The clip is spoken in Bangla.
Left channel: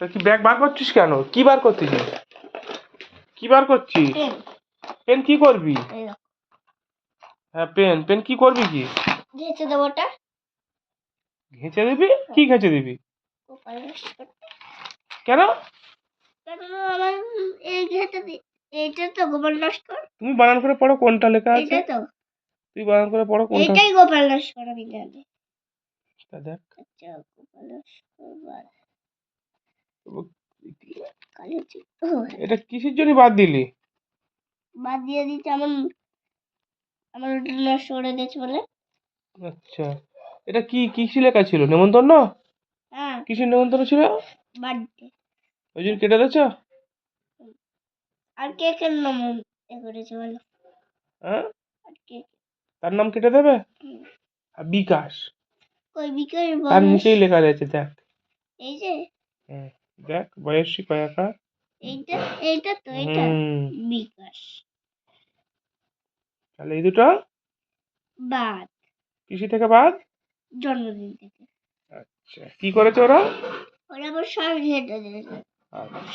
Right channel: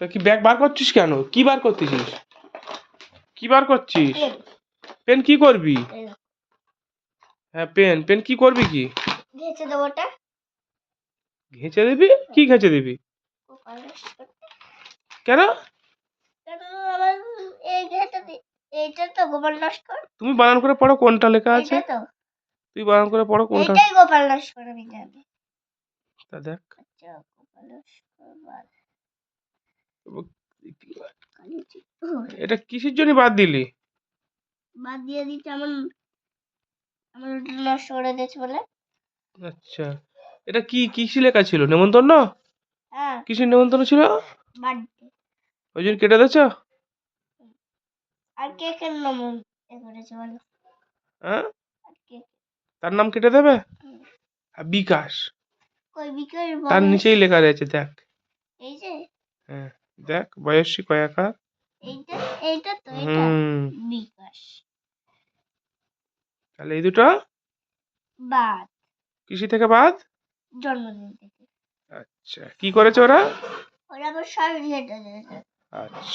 তা কি ব্যাগ বার করছিস কেন? কি বার করতেছিস? কি বার করছিস? পেন কি করবি? হ্যাঁ পেন পেন কি করবি কি? ঘেঁচে দেবো ওটা। ঘেঁচে দিবি? কি ঘেঁচে দিবি? কেন? আমার এই ঘেঁচে এইটা তো গোপাল নস্কর। তুমি বানান করে পড়ো কোনটা লেখা আছে। এইটা তো তুই বানান করে পড়ো কোনটা। এইটাই গোপাল নস্কর আমি জানি। তা দেখ। আচ্ছা গোপাল নস্কর কালি চিত্র। এটা কিসের জন্য বাদ দিলি? বাদ দিয়ে দিতে আমার ওটা নষ্ট করে দিয়েছে বলে। আচ্ছা এটা কি কিসে লেখা ছিল? নেমন্তন্ন? হ্যাঁ কিসের নেমন্তন্ন ছিল? বার্থডে। ওই জন্য কেটে দিয়েছো? আর কে কে নাম করেছে বলো? হ্যাঁ আর কে? তার নাম কেটে দেবে? আর বিকাশ কই বিকাশ তার বয়স? নিচেই লেখা রয়েছে দেখ। এই যে হ্যাঁ দেখ বয়সী কয়াকার। এইটা এইটা তো এটা বিকাশ। তাহলে এই দুটো বাদ কিসি থেকে বাদ? জন্মদিন থেকে। আচ্ছা কি করেছে ওরা? ওরা আবার সব ঘেঁটে দিয়েছে। আচ্ছা